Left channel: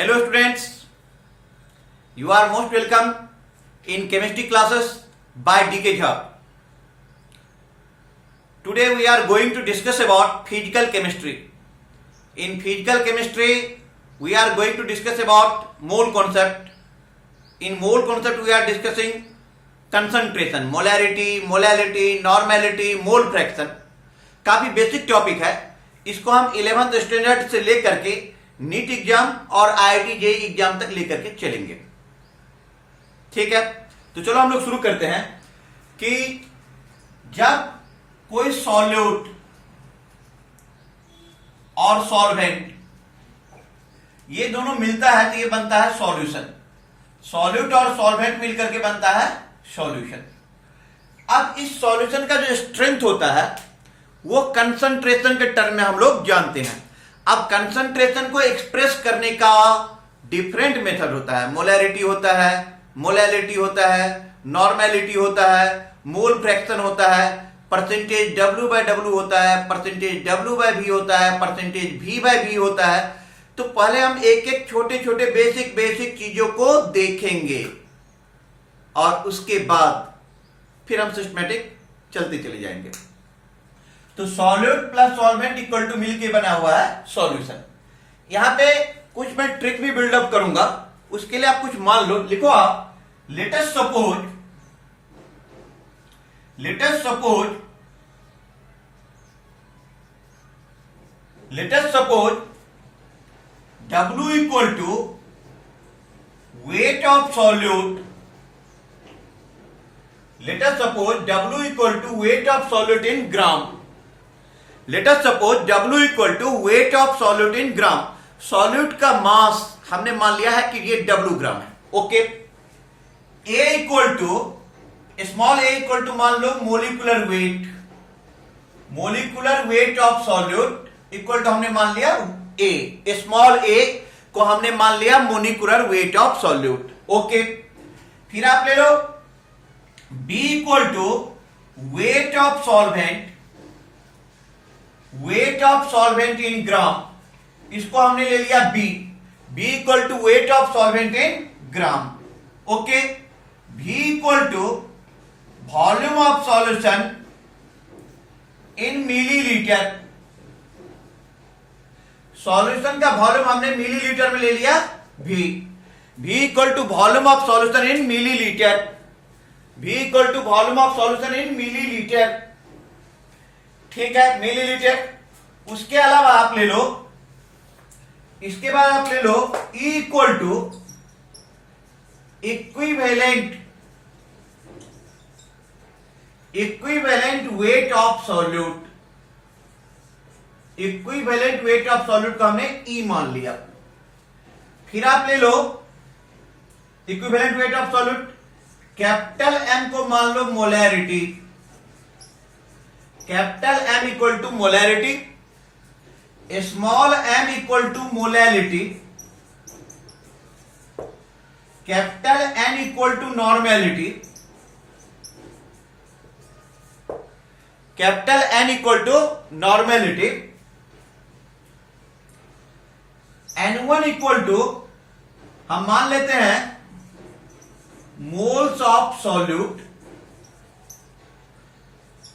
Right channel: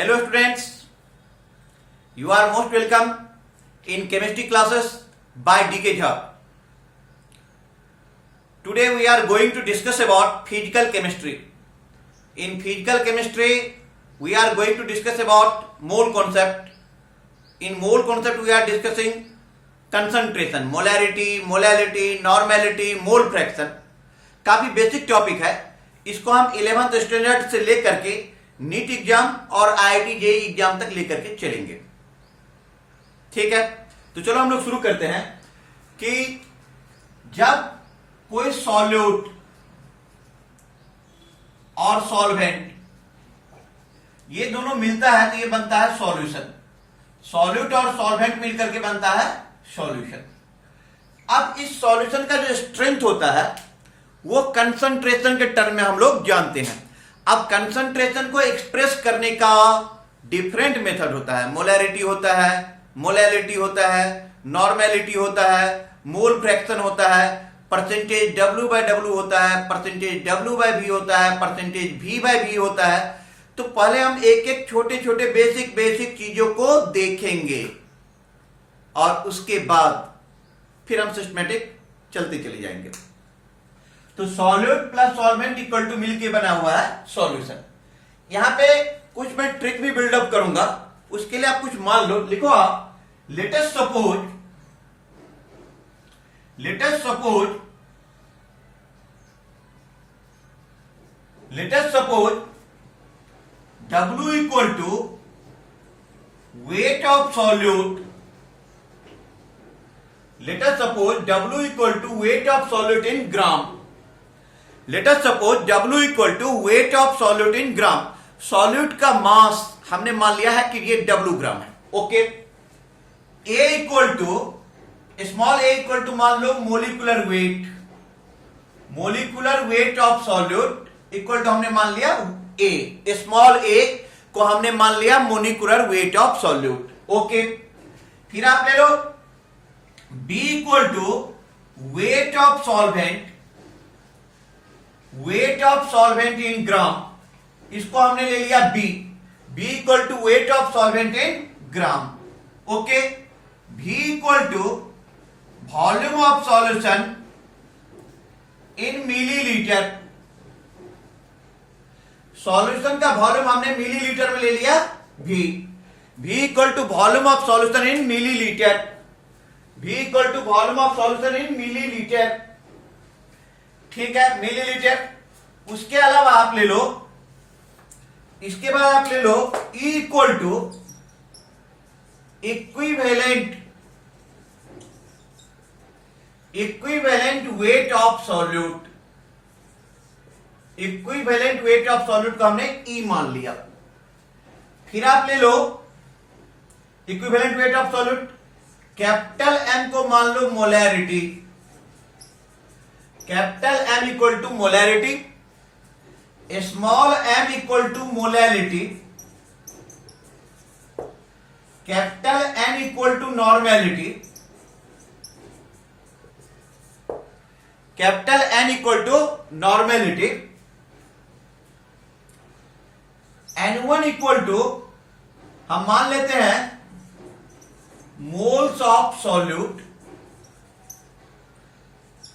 Hello students, you are most welcome in chemistry classes by DK Jha. Today we are going to discuss about physical chemistry. In physical chemistry, we are going to discuss about mole concept. In mole concept, we are discussing concentration, molarity, molality, normality, mole fraction. काफी basic topic है. इसको हम 11th standard से लेकर के NEET exam और IIT JEE exam तक लेकर के चलेंगे. ठीक है, तो चलो हम लोग शुरू करते हैं कि जब कोई सॉल्यूट और सॉल्वेंट ये दोनों मिलता है तो ये बनता है सॉल्यूशन. सॉल्यूट और सॉल्वेंट मिलकर के बनता है सॉल्यूशन. अब इस सॉल्यूशन का जो स्ट्रेंथ होता है वो कंसंट्रेशन के टर्म में हम लोग जानते हैं. अब कंसंट्रेशन को एक्सप्रेस करने का डिफरेंट मेथड होता है. मोलैरिटी होता है, मोलैलिटी होता है, नॉर्मेलिटी होता है, मोल फ्रैक्शन होता है, परसेंटेज W/W होता है, परसेंटेज W/V होता है, परसेंटेज V/V होता है. तो पहले हम एक एक छोटे छोटे बेसिक चीजों को देखेंगे और उसके बाद फिर हम सिस्टमैटिक चलते चले जाएंगे. तो solute plus solvent equal to मिलके बना हुआ है सॉल्यूशन. यहां पे कुछ मैं ट्रिक भी बिल्डअप करूंगा. उसके लिए आप कुछ मान लो, लिखो आप let us suppose W equal to weight of solute. Let us suppose W equal to weight of solute in gram. Let us suppose W equal to weight of solute in gram. Solute का मास हमने मान लिया है कि ये W gram है. Okay. A equal to small a equal to मान लो molecular weight. Molecular weight of solute equal to हमने मान लिया A. स्मॉल a को हमने मान लिया molecular weight of solute. Okay. फिर आप ले लो B equal to weight of solvent. Weight of solvent in gram, इसको हमने ले लिया B. B equal to weight of solvent in gram. Okay. V equal to volume of solution in millilitre. Solution का volume हमने millilitre में ले लिया V. V equal to volume of solution in millilitre. V equal to volume of solution in millilitre. ठीक है, millilitre. उसके अलावा आप ले लो, इसके बाद आप ले लो E equal to equivalent weight of solute. Equivalent weight of solute को हमने E मान लिया. फिर आप ले लो equivalent weight of solute. Capital M को मान लो molarity. Capital M equal to molarity. Small m equal to molality. Capital N equal to normality. Capital N equal to normality. N1 equal to हम मान लेते हैं moles of solute.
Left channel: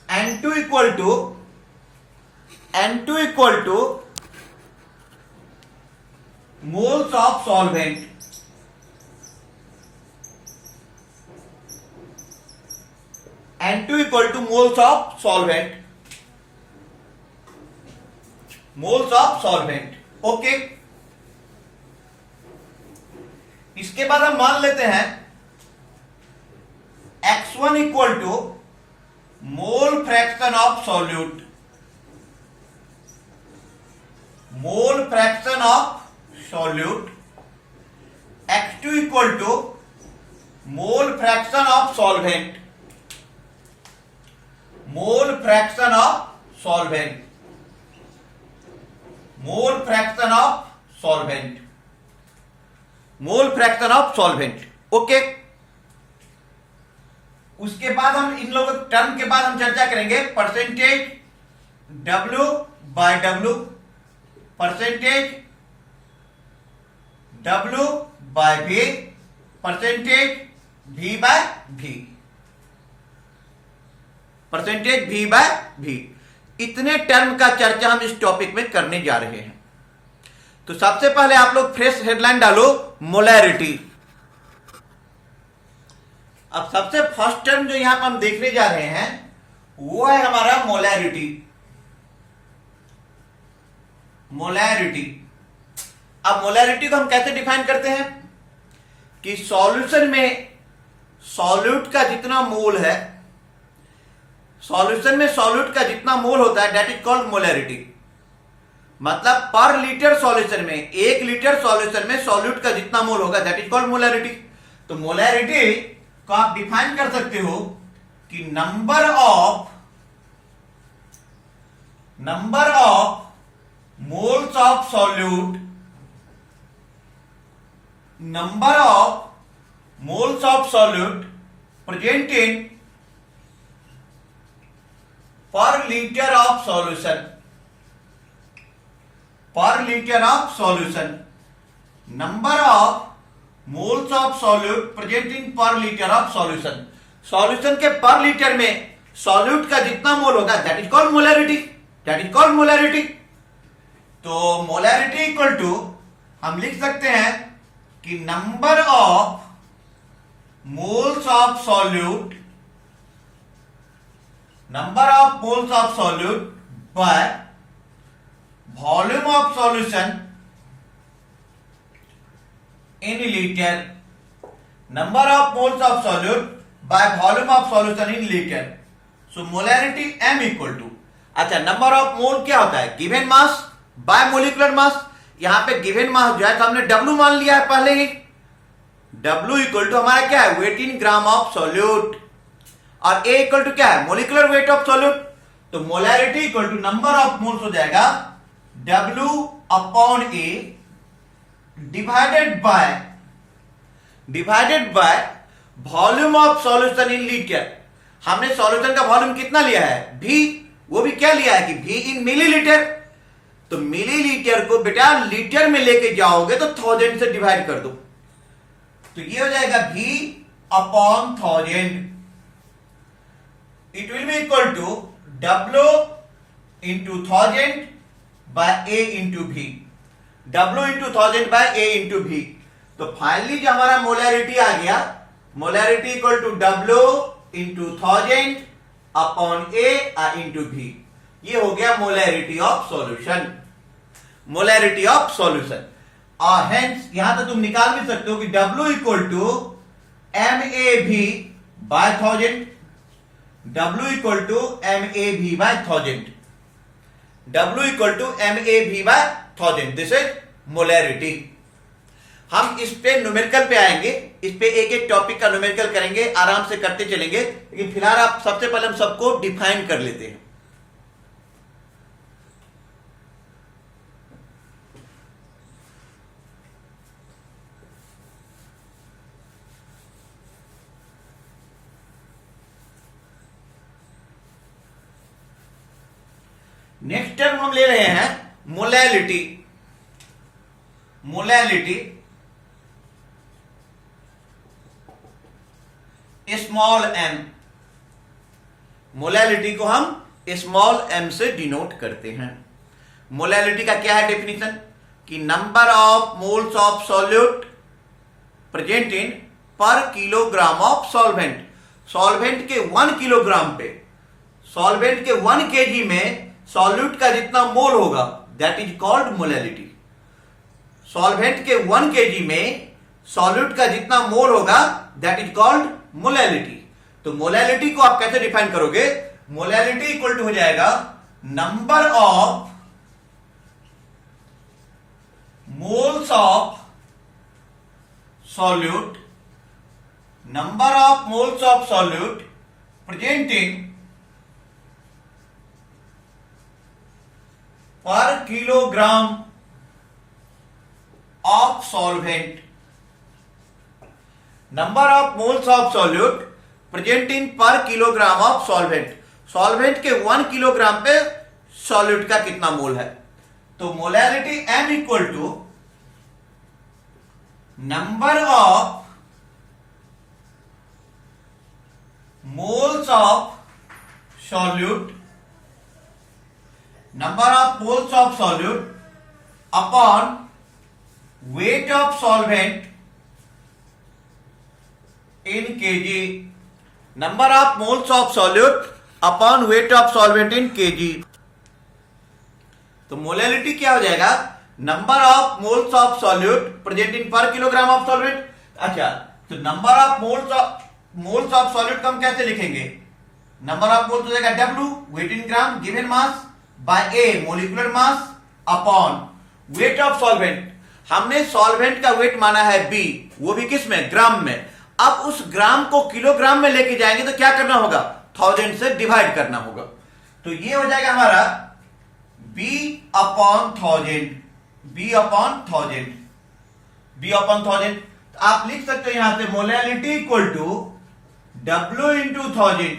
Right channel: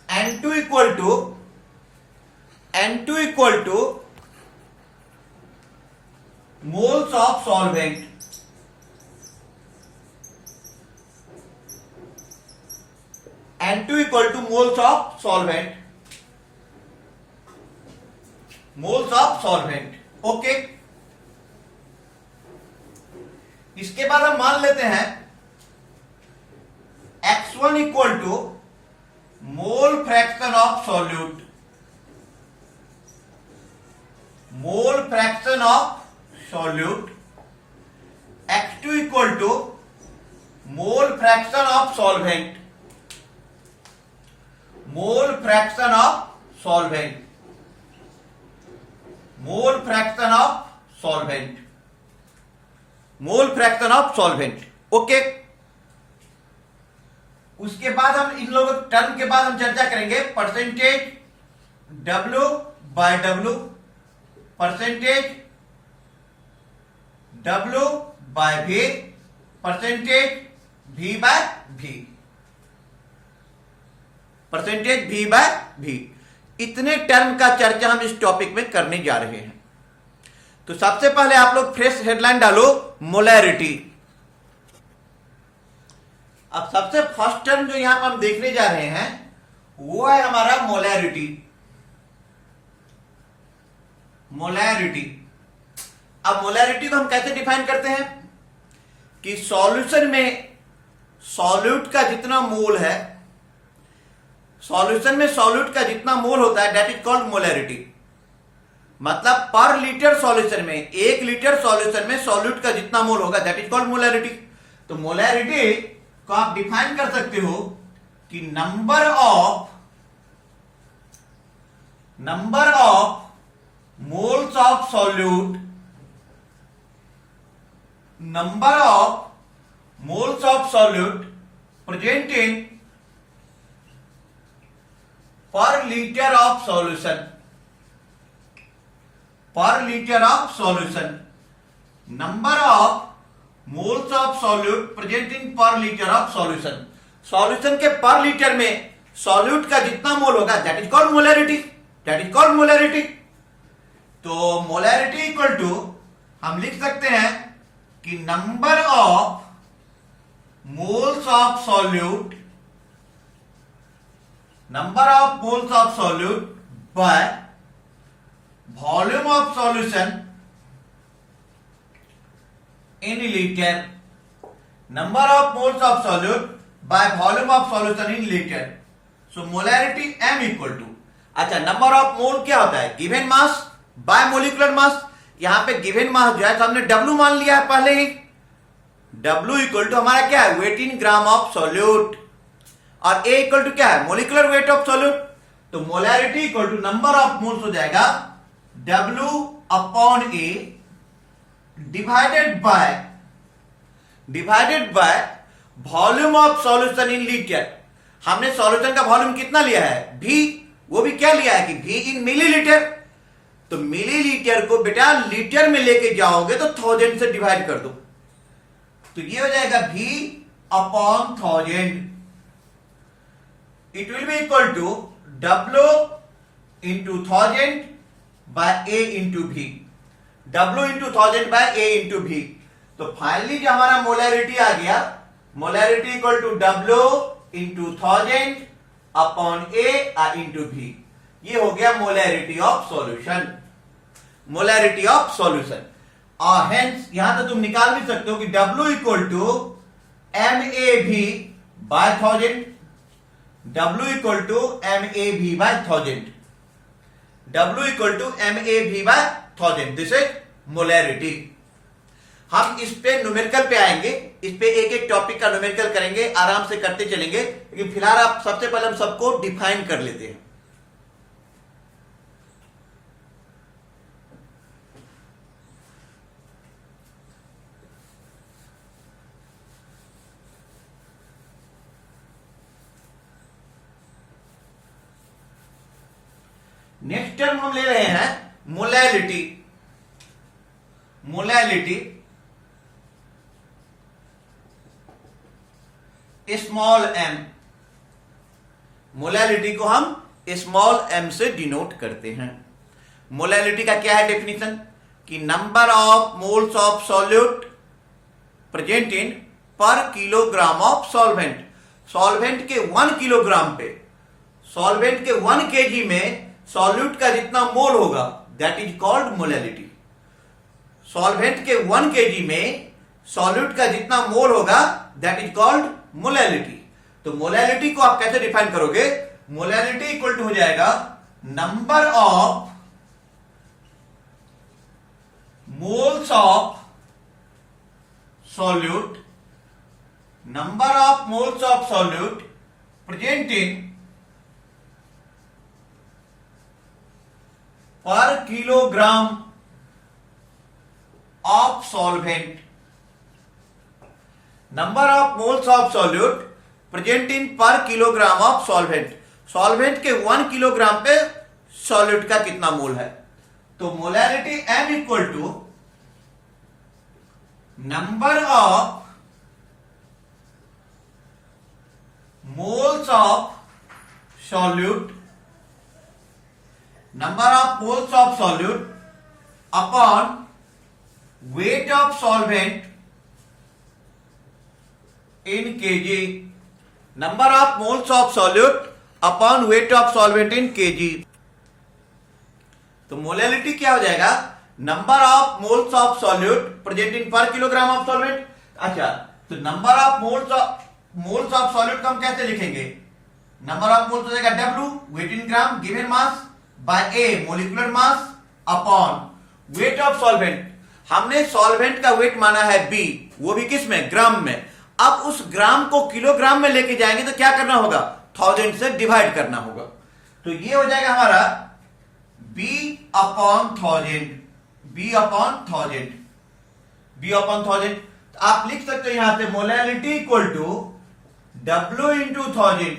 N2 equal to moles of solvent. N2 equal to moles of solvent. Moles of solvent. Okay. इसके बाद हम मान लेते हैं X1 equal to mole fraction of solute. Mole fraction of solute. X2 equal to mole fraction of solvent. Mole fraction of solvent. Mole fraction of solvent. Mole fraction of solvent. Okay. उसके बाद हम इन लोगों term के बाद हम चर्चा करेंगे percentage W/W, percentage W by V, percentage V by V, percentage V by V। इतने टर्म का चर्चा हम इस टॉपिक में करने जा रहे हैं। तो सबसे पहले आप लोग फ्रेश हेडलाइन डालो, मोलैरिटी। अब सबसे फर्स्ट टर्म जो यहां पर हम देखने जा रहे हैं वो है हमारा मोलैरिटी। मोलैरिटी, अब मोलैरिटी को हम कैसे डिफाइन करते हैं कि सॉल्यूशन में सॉल्यूट का जितना मोल है, सॉल्यूशन में सॉल्यूट का जितना मोल होता है दैट इज कॉल्ड मोलैरिटी। मतलब पर लीटर सॉल्यूशन में, 1 लीटर सॉल्यूशन में सॉल्यूट का जितना मोल होगा दैट इज कॉल्ड मोलैरिटी। तो मोलैरिटी को आप डिफाइन कर सकते हो कि number of moles of solute, number of moles of solute present in per litre of solution, पर litre of solution, number of moles of solute present in per litre of solution. Solution के पर litre में solute का जितना मोल होगा that is called molarity, that is called molarity. तो molarity equal to हम लिख सकते हैं कि number of moles of solute, number of moles of solute bye volume of solution in liter, number of moles of solute by volume of solution in liter. So molarity m equal to, अच्छा number of mole क्या होता है, given mass by molecular मास। यहां पे given mass जो है तो हमने W मान लिया है पहले ही। W इक्वल टू हमारा क्या है, weight in gram of solute, और A इक्वल टू क्या है, मोलिकुलर वेट ऑफ सॉल्यूट। तो molarity equal to number of moles हो जाएगा W upon A divided by volume of solution in litre. हमने सॉल्यूशन का वॉल्यूम कितना लिया है, V, वो भी क्या लिया है कि V इन मिलीलीटर। तो मिलीलीटर को बेटा लीटर में लेके जाओगे तो 1000 से डिवाइड कर दो, तो ये हो जाएगा V upon 1000। It will be equal to W into 1000 by A into V, W into 1000 by A into V। तो फाइनली जो हमारा मोलैरिटी आ गया, molarity equal to W into 1000 upon A into V। ये हो गया molarity of solution, molarity of solution. और hence यहां तो तुम निकाल भी सकते हो कि W equal to MAV by 1000, W equal to MAV by 1000, W equal to MAV by 1000, this is molarity. हम इस पे न्यूमेरिकल पे आएंगे, इस पे एक एक टॉपिक का न्यूमेरिकल करेंगे, आराम से करते चलेंगे, लेकिन फिलहाल आप सबसे पहले हम सबको डिफाइन कर लेते हैं। नेक्स्ट टर्म हम ले रहे हैं molality. Molality small m, molality को हम स्मॉल m से डिनोट करते हैं। मोलैलिटी का क्या है डेफिनेशन कि number of moles of solute present in per kilogram of solvent. Solvent के 1 किलोग्राम पे, सॉल्वेंट के 1 केजी में सॉल्यूट का जितना मोल होगा that is called molality. Solvent के 1 केजी में सॉल्यूट का जितना मोल होगा दैट इज कॉल्ड मोलैलिटी। तो मोलैलिटी को आप कैसे डिफाइन करोगे, मोलैलिटी इक्वल टू हो जाएगा number of moles of solute, number of moles of solute present in per kilogram of solvent, number of moles of solute present in per kilogram of solvent. Solvent के 1 kilogram पे solute का कितना mole है। तो molality m equal to number of moles of solute, number of moles of solute upon weight of solvent in kg, number of moles of solute upon weight of solvent in kg. तो molality क्या हो जाएगा, number of moles of solute present in per kilogram of solvent. अच्छा, तो number of moles of solute को हम कैसे लिखेंगे, नंबर ऑफ मोल्स हो जाएगा W weight in gram given mass by A molecular mass upon weight of solvent. हमने solvent का वेट माना है B, वो भी किस में, ग्राम में. अब उस ग्राम को किलोग्राम में लेके जाएंगे तो क्या करना होगा, 1000 से डिवाइड करना होगा. तो ये हो जाएगा हमारा B upon 1000, B upon 1000, B upon 1000. तो आप लिख सकते हो यहां से molality equal to W into 1000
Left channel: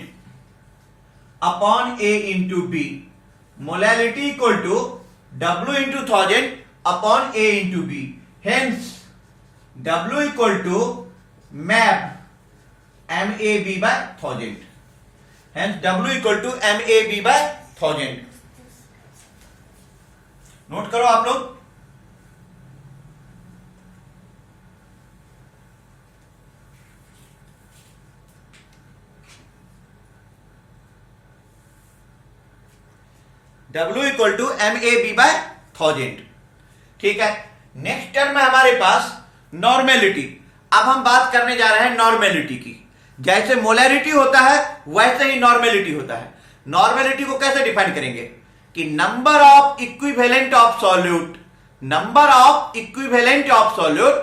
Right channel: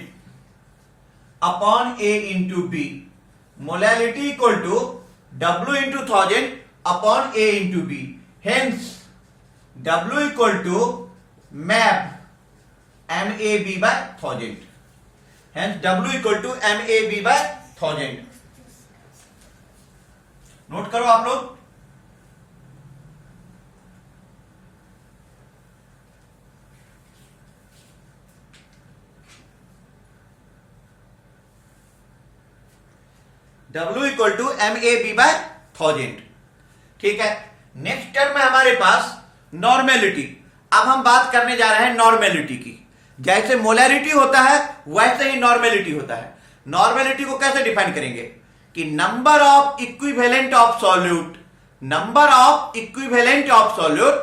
upon A into B. Molality equal to W into 1000 upon A into B. Hence W equal to MAB MAB by 1000. Hence W equal to MAB by 1000. Note करो आप लोग. W equal to MAB by 1000. ठीक है. Next term है हमारे पास normality. अब हम बात करने जा रहे हैं नॉर्मेलिटी की. जैसे मोलैरिटी होता है वैसे ही नॉर्मेलिटी होता है. नॉर्मेलिटी को कैसे डिफाइन करेंगे कि number of equivalent of solute, number of equivalent of solute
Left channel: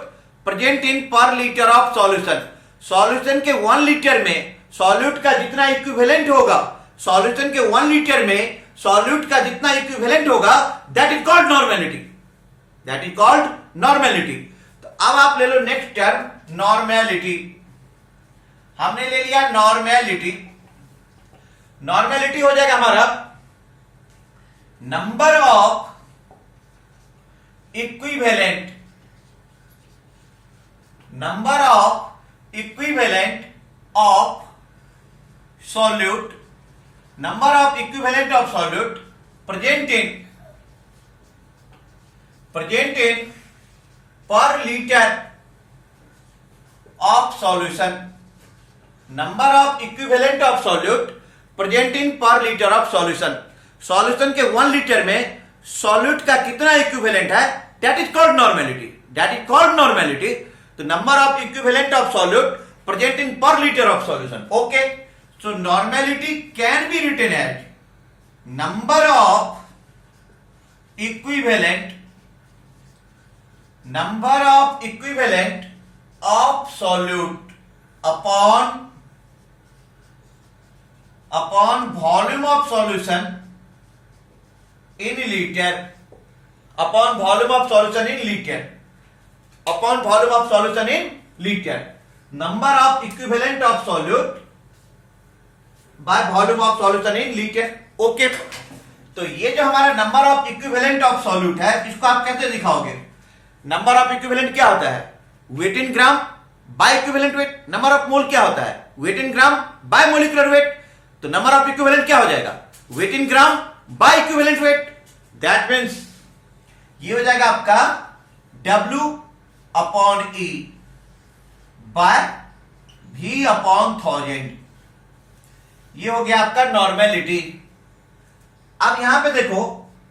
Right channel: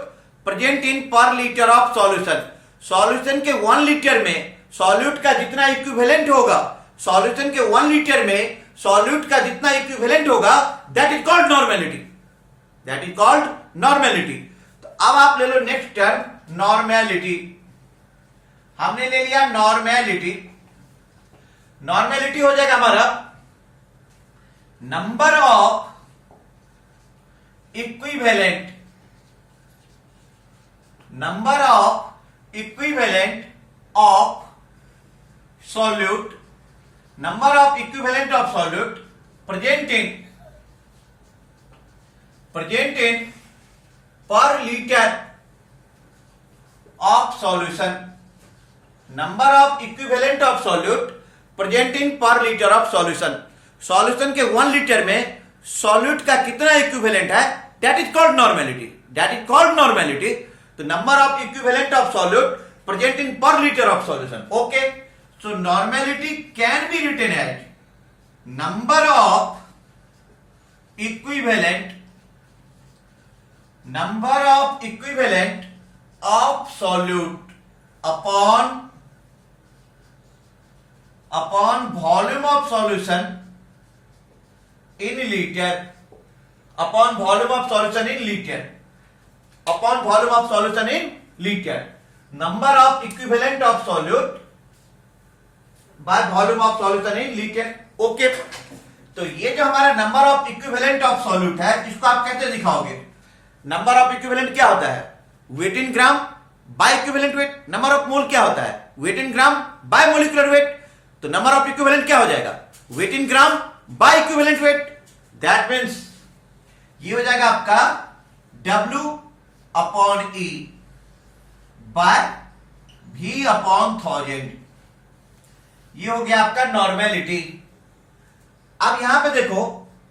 present in per litre of solution. Solution के 1 लीटर में सॉल्यूट का जितना इक्विवेलेंट होगा, सॉल्यूशन के 1 लीटर में सॉल्यूट का जितना इक्विवेलेंट होगा, that is called normality, that is called normality. तो अब आप ले लो नेक्स्ट टर्म नॉर्मेलिटी. हमने ले लिया नॉर्मेलिटी. नॉर्मेलिटी हो जाएगा हमारा number of equivalent, number of equivalent of solute, number of equivalent of solute present in per litre of solution, number of equivalent of solute present in per litre of solution. Solution के 1 litre में solute का कितना equivalent है, that is called normality, that is called normality. तो number of equivalent of solute present in per litre of solution. Okay, so normality can be written as number of equivalent, number of equivalent of solute upon volume of solution in liter, upon volume of solution in liter, upon volume of solution in liter, number of equivalent of solute by volume of solution in liter. Okay, तो ये जो हमारा number of equivalent of solute है, इसको आप कैसे दिखाओगे. Number of equivalent क्या होता है, weight in gram by equivalent weight. Number of mole क्या होता है, weight in gram by molecular weight. तो नंबर ऑफ इक्विवेलेंट क्या हो जाएगा, weight in gram by equivalent weight. That means ये हो जाएगा आपका W upon E by V upon 1000. ये हो गया आपका नॉर्मेलिटी. अब यहां पे देखो,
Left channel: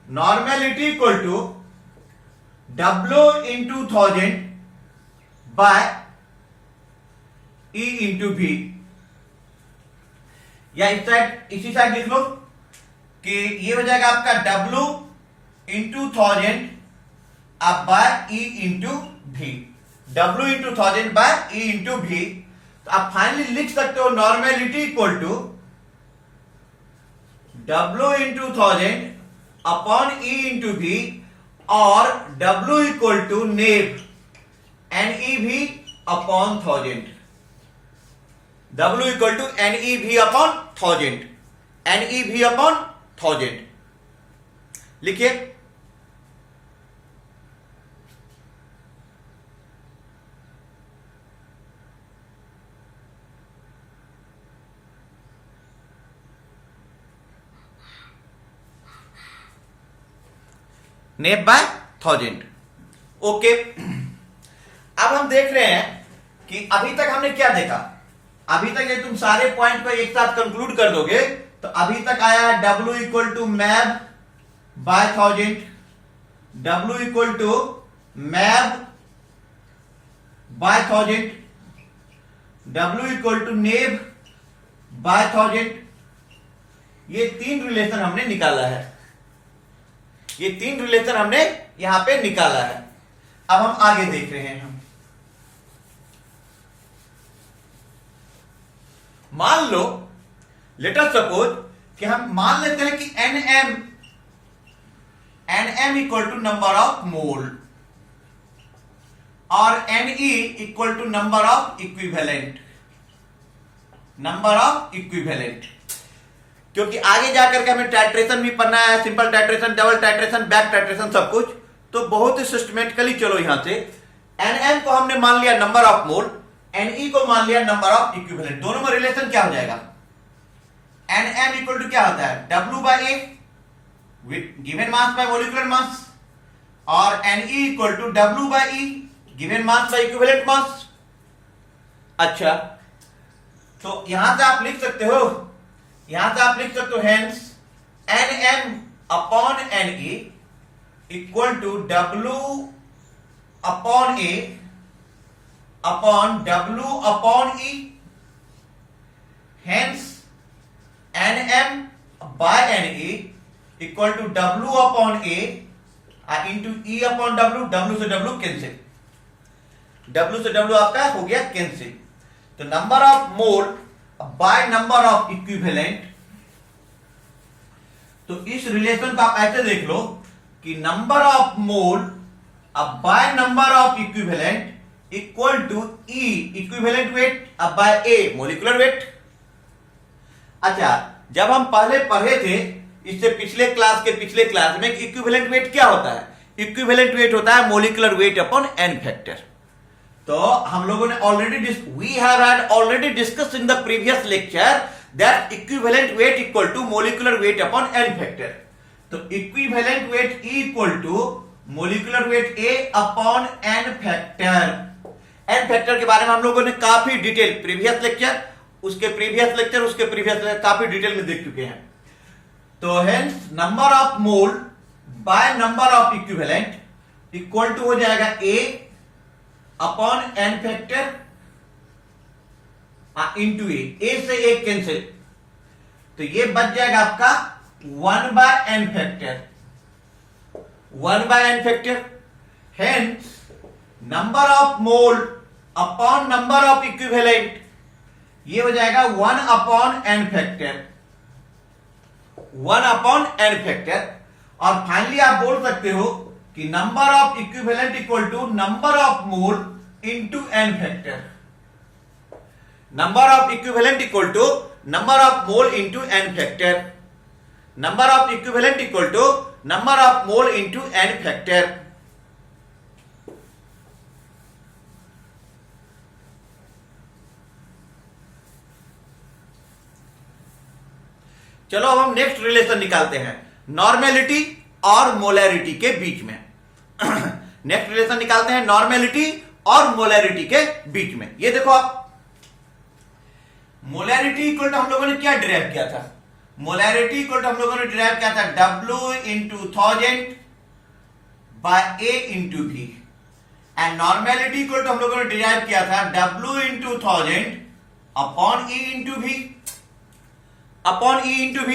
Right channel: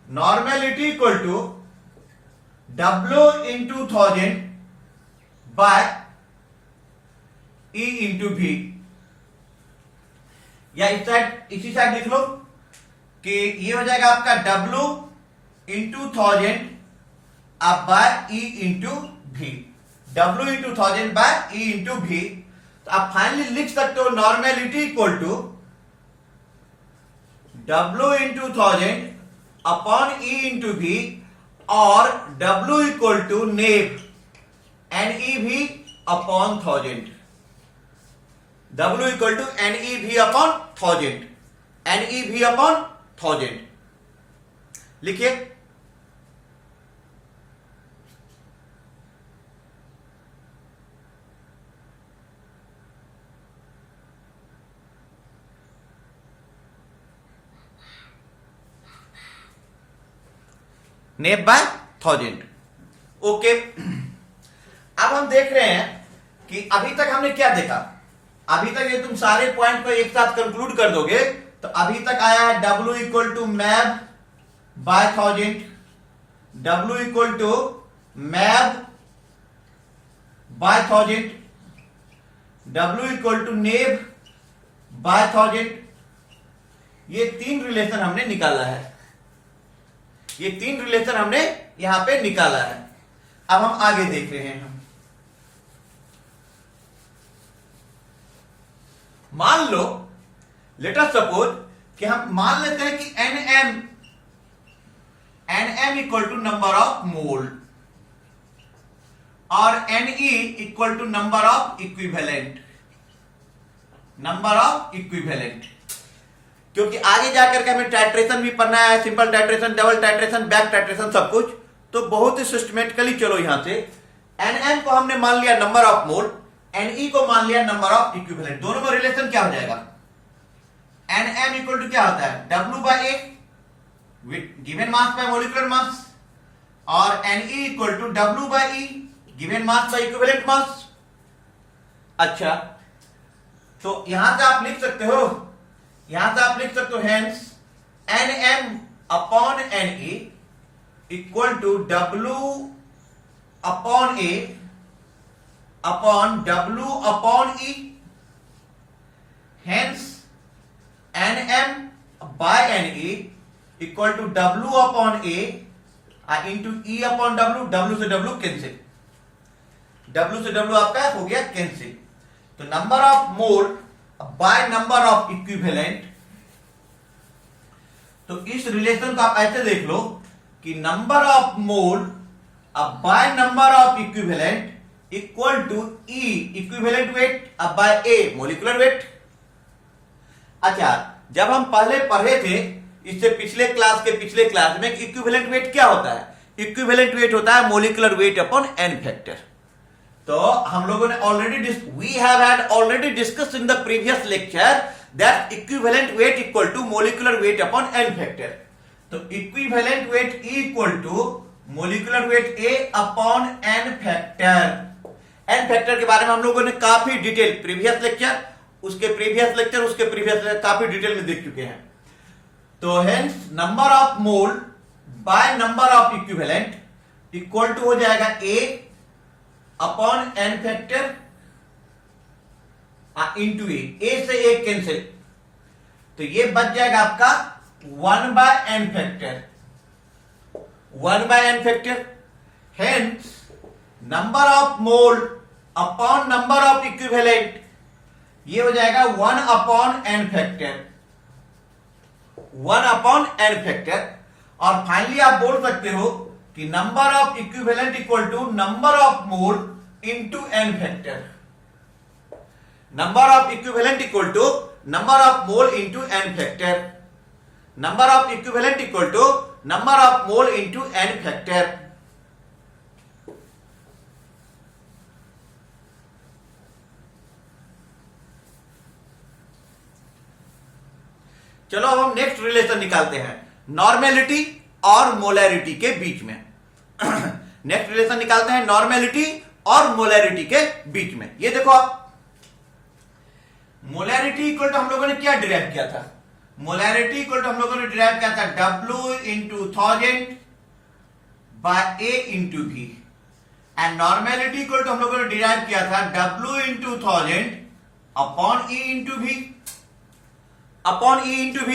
normality equal to W into 1000 by E into V. या इसी साइड लिख लो कि ये हो जाएगा आपका W इंटू 1000 अब by E into V, W into 1000 by E into V. तो आप फाइनली लिख सकते हो normality equal to W into 1000 upon E into V और W इक्वल टू नेव NeV upon 1000. W equal to NeV upon 1000, NeV upon 1000. लिखिए नेब bye 1000। Okay, अब हम देख रहे हैं कि अभी तक हमने क्या देखा। अभी तक ये तुम सारे पॉइंट को एक साथ कंक्लूड कर दोगे तो अभी तक आया है W इक्वल टू मैब बाय 1000, W इक्वल टू मैब बाय 1000, W इक्वल टू नेब बाय 1000। ये तीन रिलेशन हमने निकाला है, ये तीन रिलेशन हमने यहां पे निकाला है। अब हम आगे देख रहे हैं। हम मान लो, लेट अस सपोज कि हम मान लेते हैं कि N equal to number of mole और Ne equal to number of equivalent, number of equivalent. क्योंकि आगे जाकर के हमें टाइट्रेशन भी पढ़ना है, simple titration, double titration, back titration, सब कुछ। तो बहुत ही सिस्टमेटिकली चलो यहां से Nm को हमने मान लिया नंबर ऑफ मोल, Ne को मान लिया नंबर ऑफ इक्विवेलेंट। दोनों में रिलेशन क्या हो जाएगा? Nm इक्वल टू क्या होता है? W by A given mass by molecular mass, और Ne equal to W by E given mass by equivalent mass. अच्छा, तो यहां से आप लिख सकते हो, यहां से आप लिख सकते हो hence Nm upon Ne equal to W upon A upon W upon E। Hence Nm by Ne equal to W upon A into E upon W। W से W कैंसिल, W से W आपका हो गया cancel. तो number of mole by number of equivalent. तो इस relation को आप ऐसे देख लो कि number of mole by number of equivalent equal to E equivalent weight by A molecular weight. अच्छा, जब हम पहले पढ़े थे इससे पिछले क्लास में इक्विवेलेंट वेट क्या होता है? इक्विवेलेंट वेट होता है molecular weight upon n factor. तो हम लोगों ने already discuss in the previous lecture that equivalent weight equal to molecular weight upon n factor. तो equivalent weight E equal to molecular weight A upon n factor. n factor के बारे में हम लोगों ने काफी डिटेल प्रीवियस लेक्चर, उसके previous lecture काफी डिटेल में देख चुके हैं। तो hence number of mole by number of equivalent equal to हो जाएगा A upon n factor into A से A कैंसिल, तो ये बच जाएगा आपका 1 by n factor, 1 by n factor. Hence number of mole upon number of equivalent ये हो जाएगा 1 upon n factor, 1 upon n factor. और फाइनली आप बोल सकते हो कि number of equivalent equal to number of mole into n factor. Number of equivalent equal to number of mole into n factor, number of equivalent equal to number of mole into n factor. चलो अब हम next relation निकालते हैं normality और molarity के बीच में। Next relation निकालते हैं नॉर्मेलिटी और मोलैरिटी के बीच में। ये देखो आप, मोलैरिटी इक्वल टू हम लोगों ने क्या डिराइव किया था? मोलैरिटी इक्वल टू हम लोगों ने डिराइव किया था W into 1000 by A into V, and normality equal to हम लोगों ने डिराइव किया था W into 1000 upon E into V, upon E into V।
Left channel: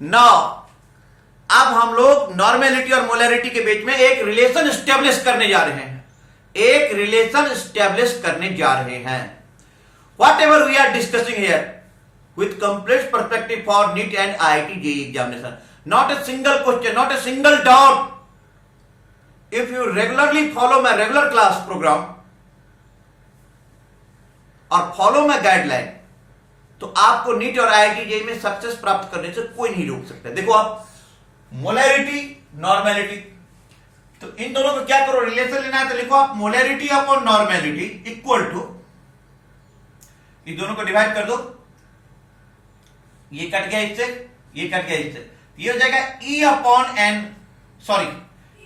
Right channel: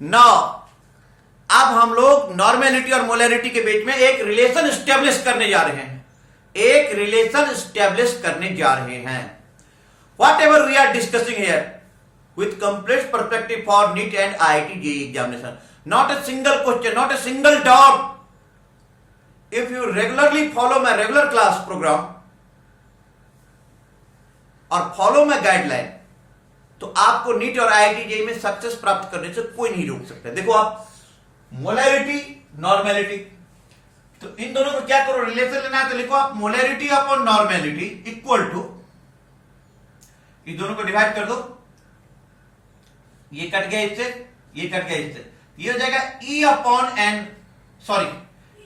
Now अब हम लोग नॉर्मेलिटी और मोलैरिटी के बीच में एक रिलेशन स्टेब्लिश करने जा रहे हैं, एक रिलेशन स्टेब्लिश करने जा रहे हैं। Whatever we are discussing here with complete perspective for NEET and IIT JEE examination, not a single question, not a single doubt. If you regularly follow my regular class programme और follow my guideline, तो आपको NEET और IIT JEE में success प्राप्त करने से कोई नहीं रोक सकता। देखो आप, मोलैरिटी नॉर्मेलिटी, तो इन दोनों को क्या करो, रिलेशन लेना है तो लिखो आप molarity upon normality equal to, ये दोनों को डिवाइड कर दो, ये कट गया इससे, ये कट गया इससे, ये हो जाएगा E upon n, sorry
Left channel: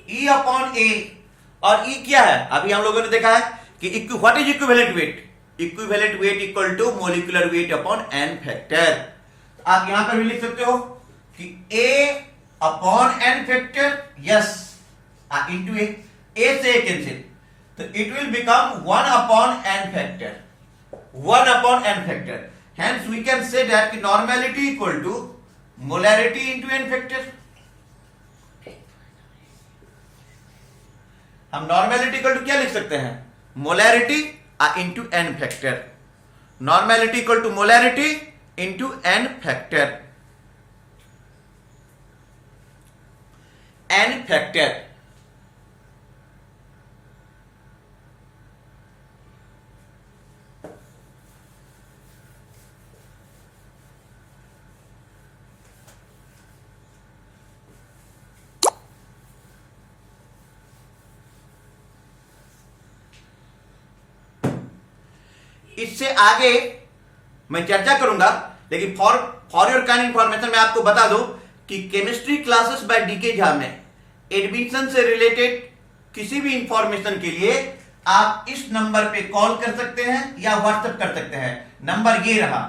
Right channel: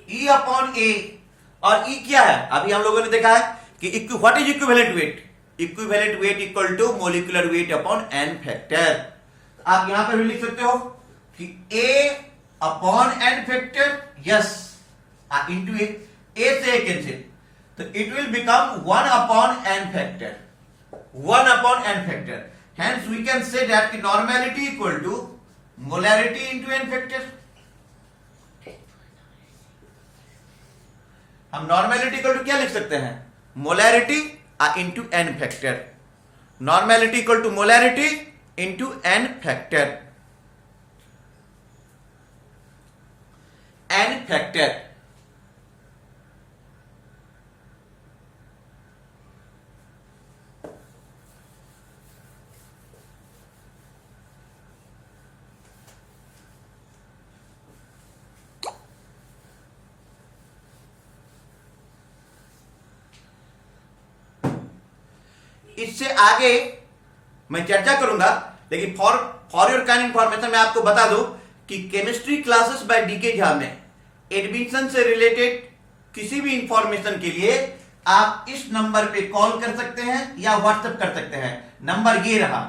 E upon A, और E क्या है? अभी हम लोगों ने देखा है कि what is equivalent weight? Equivalent weight equal to molecular weight upon N factor. आप यहां पर भी लिख सकते हो कि A upon N factor, yes, into A से कैंसिल, तो it will become 1 upon N factor, 1 upon N factor. Hence we can say that the normality equal to molarity into n factor। हम नॉर्मेलिटी इक्वल टू क्या लिख सकते हैं? Molarity into N factor. Normality equal to molarity into N factor, N factor. इससे आगे मैं चर्चा करूंगा, लेकिन फॉर योर काइंड इंफॉर्मेशन मैं आपको बता दूं कि chemistry classes by DK Jha में एडमिशन से रिलेटेड किसी भी इंफॉर्मेशन के लिए आप इस नंबर पे कॉल कर सकते हैं या व्हाट्सएप कर सकते हैं। नंबर ये रहा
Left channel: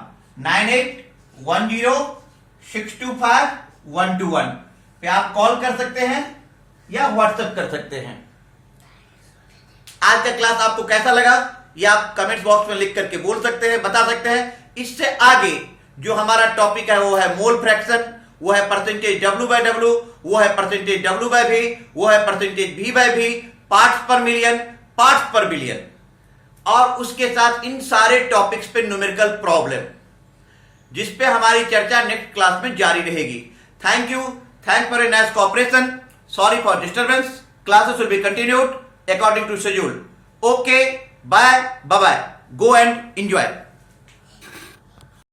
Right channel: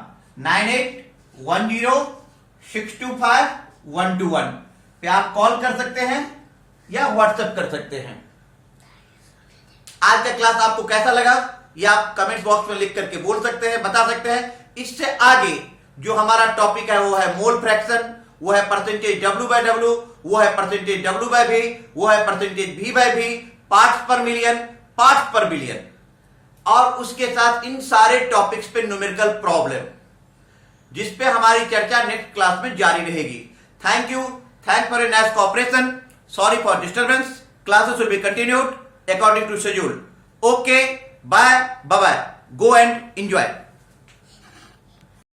9810625121 पे आप कॉल कर सकते हैं या व्हाट्सएप कर सकते हैं। आज का क्लास आपको कैसा लगा ये आप कमेंट बॉक्स में लिख करके बोल सकते हैं, बता सकते हैं। इससे आगे जो हमारा टॉपिक है वो है मोल फ्रैक्शन, वो है परसेंटेज W बाय W, वो है परसेंटेज W बाय V, वो है percentage V by V, parts per million, parts per billion, और उसके साथ इन सारे टॉपिक्स पे न्यूमेरिकल प्रॉब्लम, जिसपे हमारी चर्चा नेक्स्ट क्लास में जारी रहेगी। Thank you, thanks for a nice cooperation, sorry for disturbance, classes will be continued according to schedule. Okay, bye bye, go and enjoy.